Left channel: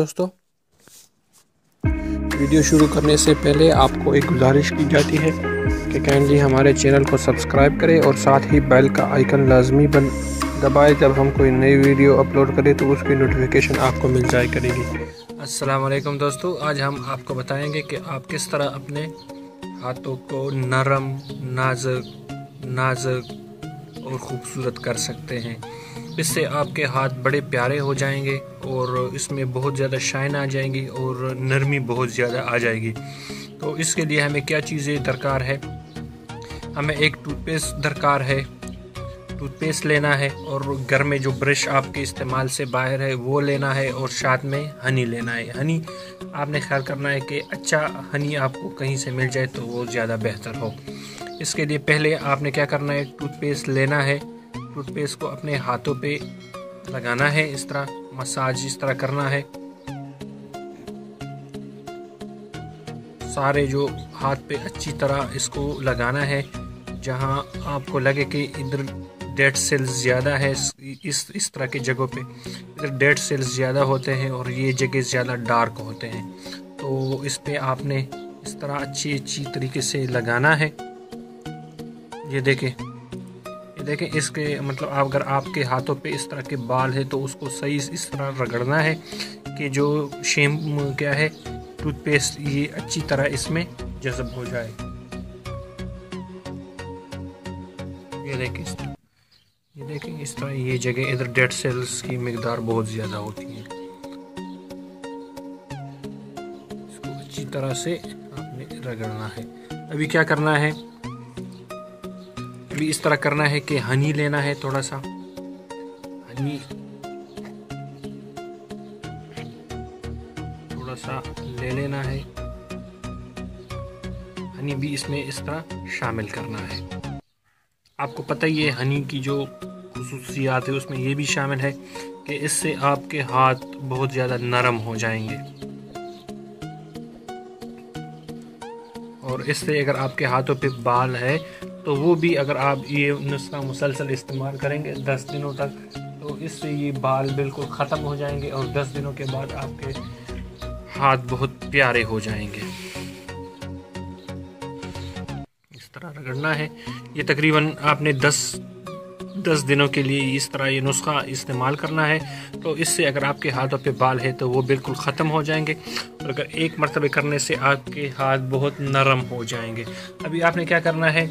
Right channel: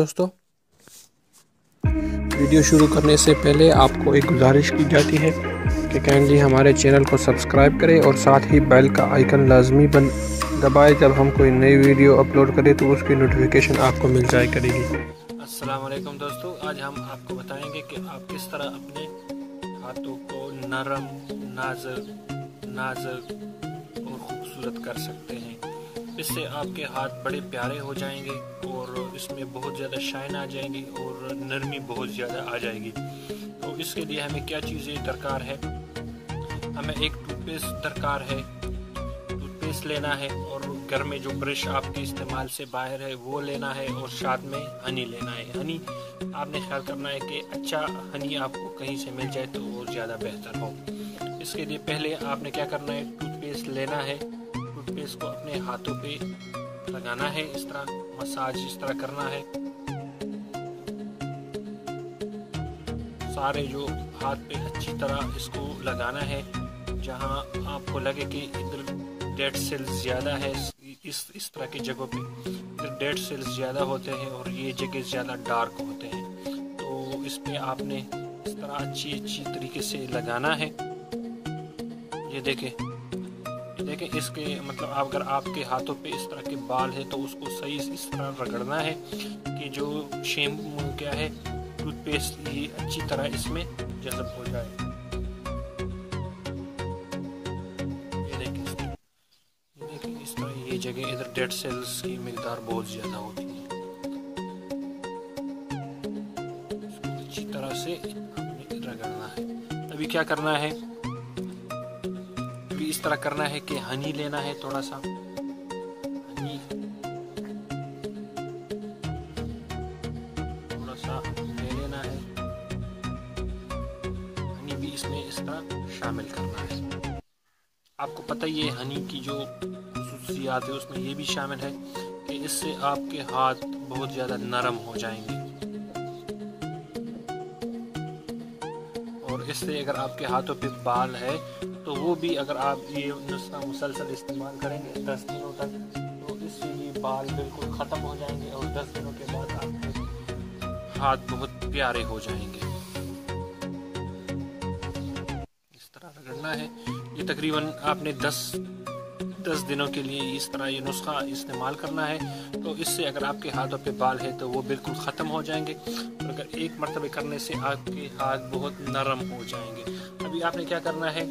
दोस्तों, वीडियो शुरू करने से पहले आपको एक गुजारिश की जाती है कि काइंडली हमारे चैनल को सब्सक्राइब करें और साथ ही बेल का आइकन लाजमी दबाएं। जब हम कोई नई वीडियो अपलोड करें तो उसकी नोटिफिकेशन आपको मिल जाए करेगी। अस्सलाम वालेकुम दोस्तों, आज हम आपको बताएंगे कि आप किस तरह अपने हाथों को नरम, नाजुक और ख़ूबसूरत कर सकते हैं। इससे आपके हाथ बड़े प्यारे हो जाएंगे और इसमें बहुत ज़्यादा शाइन आ जाएंगी और नरमी बहुत ज़्यादा आ जाएगी। तो इसके लिए हमें क्या चीज़ें दरकार है? हमें एक टूथपेस्ट दरकार है, टूथपेस्ट लेना है और घर में जो ब्रश आपके इस्तेमाल से बाहर है वो लेना है और साथ में हनी लेना है। हनी आपने ख्याल करना है कि अच्छा हनी आपको कहीं से मिल जाए तो वो ज़्यादा बेहतर हो। इसके लिए पहले आपने क्या करना है, टूथपेस्ट लेना है। टूथपेस्ट को अपने हाथों पे लगाना है, इस तरह मसाज इस तरह करना है। सारे जो हाथ पे अच्छी तरह इसको लगाना है। जहां आपको लगे कि इधर डेड सेल्स ज़्यादा है, इस तरह की जगहों पे इधर डेड सेल्स ज़्यादा होते हैं और ये जगह ज़्यादा डार्क होते हैं, तो इस पे आपने इस तरह अच्छी तरीके से लगाना है। ये देखें इसके मतलब अगर आपके हाथों पे इस तरह के बाल है तो उसको सही इस तरह रगड़ना है कि जो क्या है टूथपेस्ट ये अच्छी तरह इसमें जज़ब हो जाए। ये देखें इस तरह ये जगह इधर डेड सेल्स की मिकदार बहुत ज़्यादा होती है। इसको अच्छी तरह से आपने रगड़ना है। अभी क्या करना है, इस तरह करना है कि हनी लेना है, थोड़ा सा हनी ले लेना है। हनी भी इसमें इस तरह शामिल करना है। आपको पता ही है हनी की जो खुसूसियात है उसमें ये भी शामिल है कि इससे आपके हाथ बहुत ज़्यादा नरम हो जाएंगे और इससे अगर आपके हाथों पे बाल है तो वो भी अगर आप ये नुस्खा मुसलसल इस्तेमाल करेंगे 10 दिनों तक तो इससे ये बाल बिल्कुल ख़त्म हो जाएंगे और 10 दिनों के बाद आपके हाथ बहुत प्यारे हो जाएंगे। इस तरह रगड़ना है। ये तकरीबन आपने 10 दिनों के लिए इस तरह ये नुस्खा इस्तेमाल करना है। तो इससे अगर आपके हाथों पे बाल है तो वो बिल्कुल ख़त्म हो जाएंगे और अगर एक मरतबे करने से आपके हाथ बहुत नरम हो जाएंगे। अभी आपने क्या करना है,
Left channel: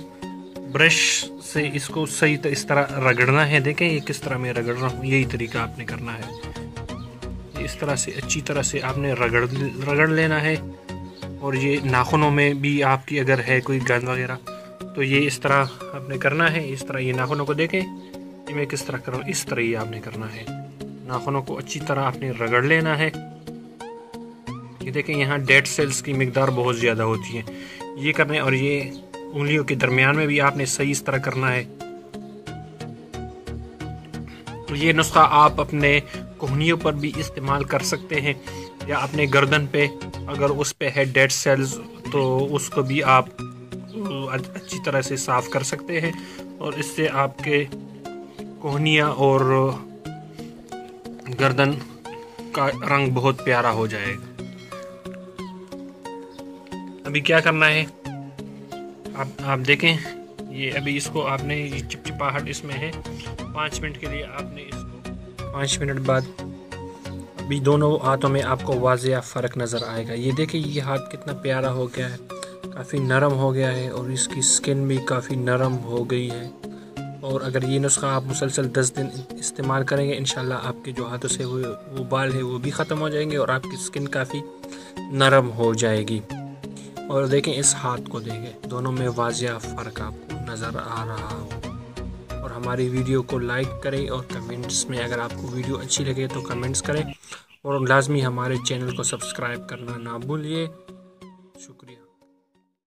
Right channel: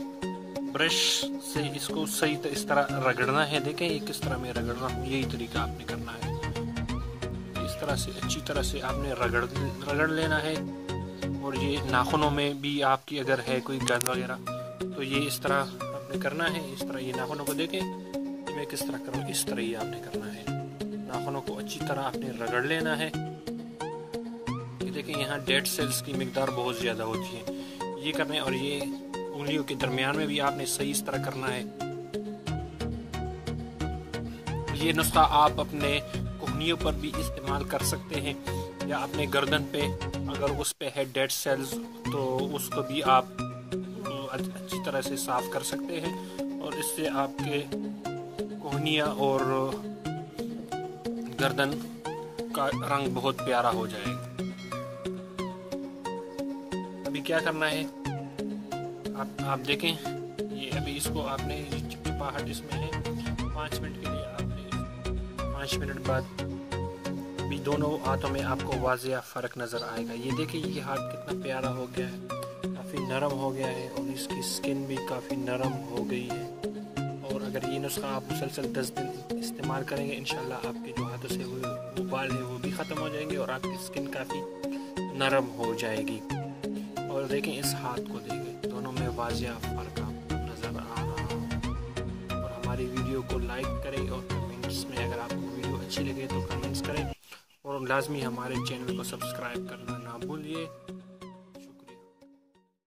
ब्रश से इसको सही इस तरह रगड़ना है। देखें ये किस तरह मैं रगड़ रहा हूँ, यही तरीका आपने करना है। इस तरह से अच्छी तरह से आपने रगड़ लेना है। और ये नाखूनों में भी आपकी अगर है कोई गंद वगैरह तो ये इस तरह आपने करना है। इस तरह ये नाखूनों को देखें कि मैं किस तरह कर रहा हूँ, इस तरह ही आपने करना है। नाखूनों को अच्छी तरह आपने रगड़ लेना है। ये देखें यहाँ डेड सेल्स की मिकदार बहुत ज़्यादा होती है, ये करने और ये उंगलियों के दरमियान में भी आपने सही इस तरह करना है। तो ये नुस्खा आप अपने कोहनियों पर भी इस्तेमाल कर सकते हैं या अपने गर्दन पे अगर उस पे है डेड सेल्स तो उसको भी आप अच्छी तरह से साफ कर सकते हैं और इससे आपके कोहनिया और गर्दन का रंग बहुत प्यारा हो जाएगा। अभी क्या करना है, आप देखें ये अभी इसको आपने ये चिपचिपाहट इसमें है 5 मिनट के लिए आपने इसको 5 मिनट बाद अभी दोनों हाथों में आपको वाज़िया फ़र्क नज़र आएगा। ये देखें ये हाथ कितना प्यारा हो गया है, काफ़ी नरम हो गया है और इसकी स्किन भी काफ़ी नरम हो गई है। और अगर ये नुस्खा आप मुसलसल 10 दिन इस्तेमाल करेंगे इंशाल्लाह आपके जो हाथों से वो बाल है वो भी ख़त्म हो जाएंगे और आपकी स्किन काफ़ी नरम हो जाएगी। और देखें इस हाथ को देखें, दोनों में वाज़िया फ़र्क आपको नज़र आ रहा हो। और हमारी वीडियो को लाइक करें और कमेंट्स में अगर आपको वीडियो अच्छी लगे तो कमेंट्स करें और लाजमी हमारे चैनल को सब्सक्राइब करना ना भूलिए।